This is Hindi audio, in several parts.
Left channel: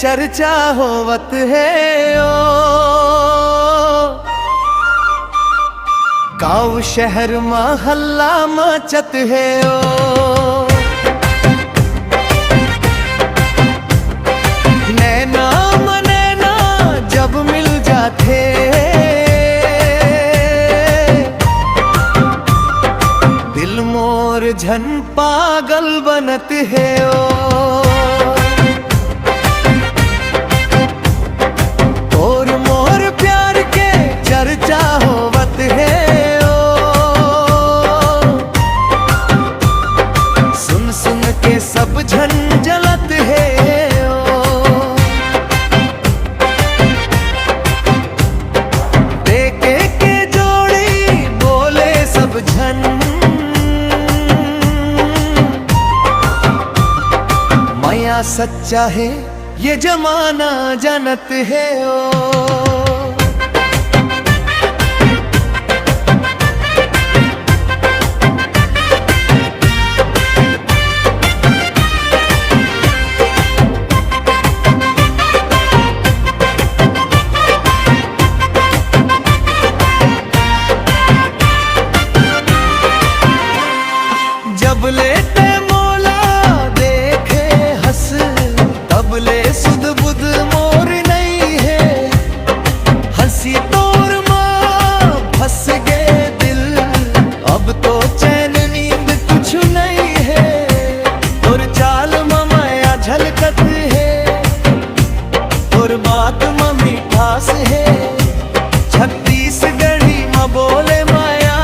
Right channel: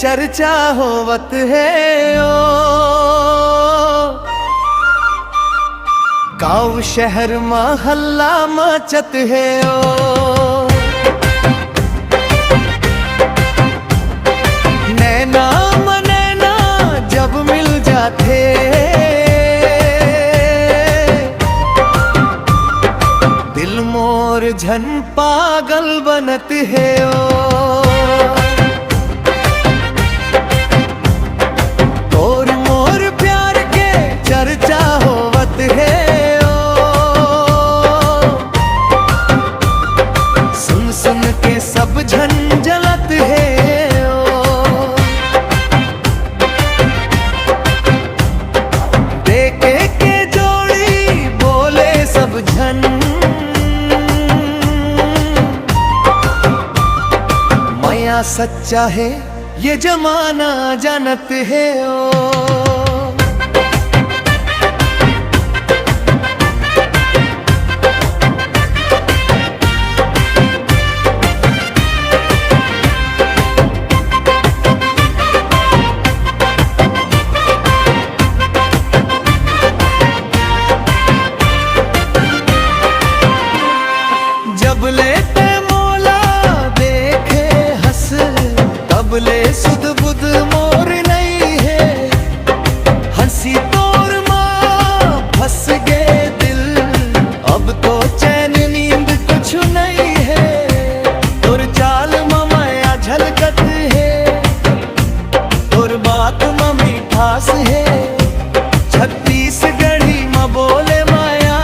चर्चा होवत है ओ। गाँव शहर महल्ला मचत है ओ। नैना मनैना जब मिल जाते, दिल मोर झन पागल बनत है ओ। तोर मोर प्यार के चर्चा होवत है ओ। सुन सुन के सब झन जलत है ओ। देखे के जोड़ी बोले सब झन, माया सच्चा है ये जमाना जानत है ओ। जब लेते मोला देखे हंस, तब ले सुध बुध मोर नहीं है। हंसी तोर माँ फंस गए दिल, अब तो चैन नींद कुछ नहीं है। तोर चाल माया झलकत है, तोर बात में मिठास है। छत्तीसगढ़ी में बोले माया,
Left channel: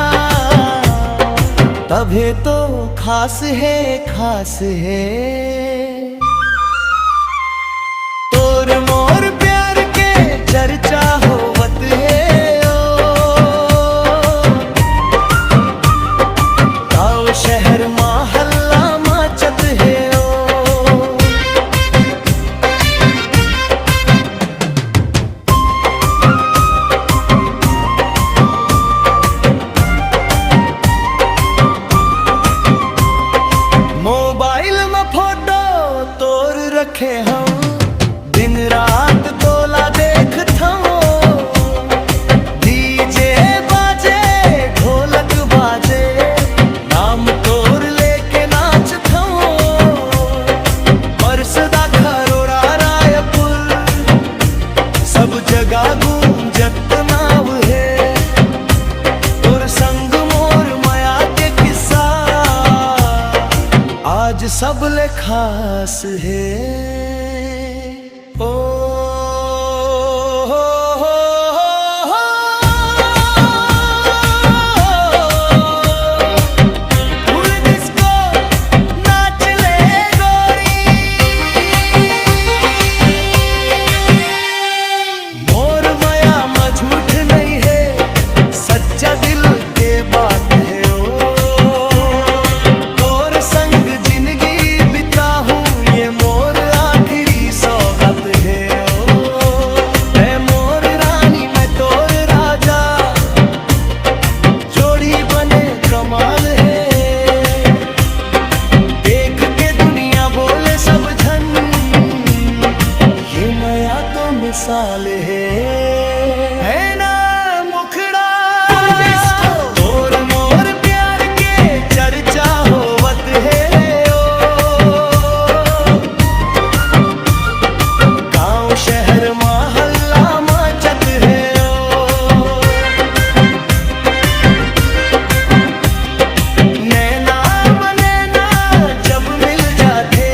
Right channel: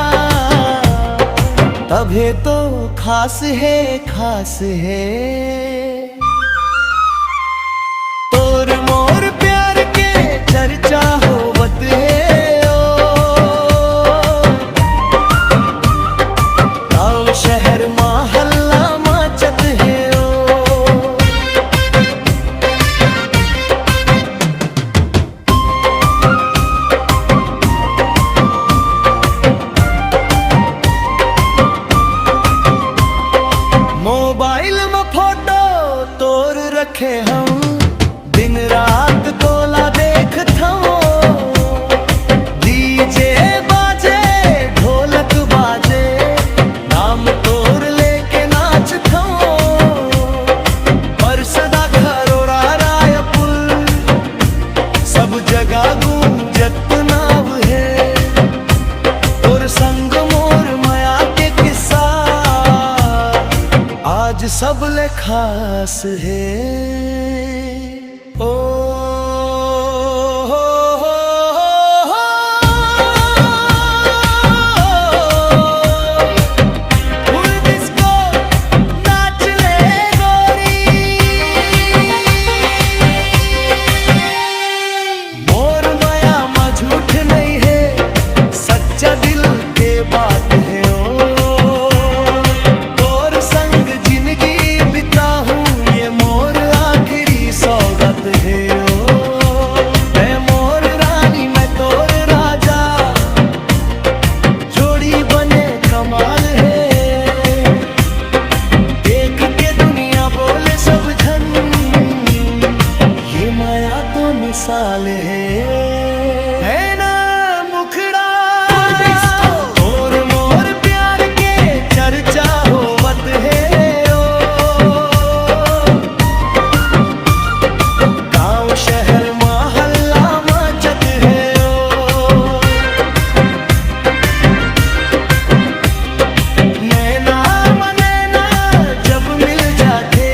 तभे तो खास है खास है। तोर मोर प्यार के चर्चा होवत है ओ। गाँव शहर महल्ला मचत है ओ। मोबाइल में फोटो तोर रखे हम, दिन रात तोला देखता हूँ। डीजे बाजे ढोलक बाजे, नाम तोर लेके नाचता हूँ। परसदा खरोरा रायपुर, सब जगह गूंजत नाव है। तोर संग मोर माया के किस्सा आज सब ले खास है ओ। फुल डिस्को नाच ले गोरी, मोर माया में झूठ नहीं है, सच्चा दिल के बात है ओ। ये मोर आखिरी सौगत है ओ। मैं मोर रानी मैं तोर राजा, जोड़ी बने कमाल है। देख के दुनिया बोले सब झन, ये माया तो मिसाल है ना मुखड़ा। तोर मोर प्यार के चर्चा होवत है ओ। शहर महल्ला मचत है ओ। नैना मनैना जब मिल जाते,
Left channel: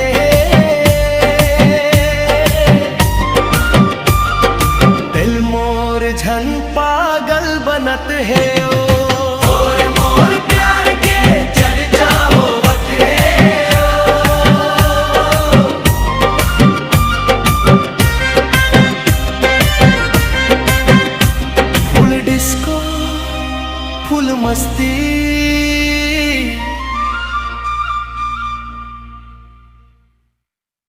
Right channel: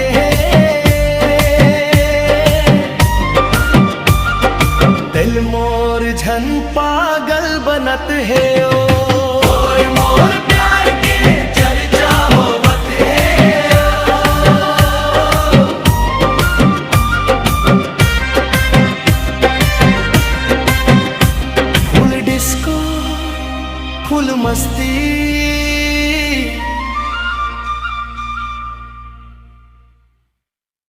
दिल मोर झन पागल बनत है ओ। मोर प्यार के चर्चा होवत है ओ। फुल डिस्को फुल मस्ती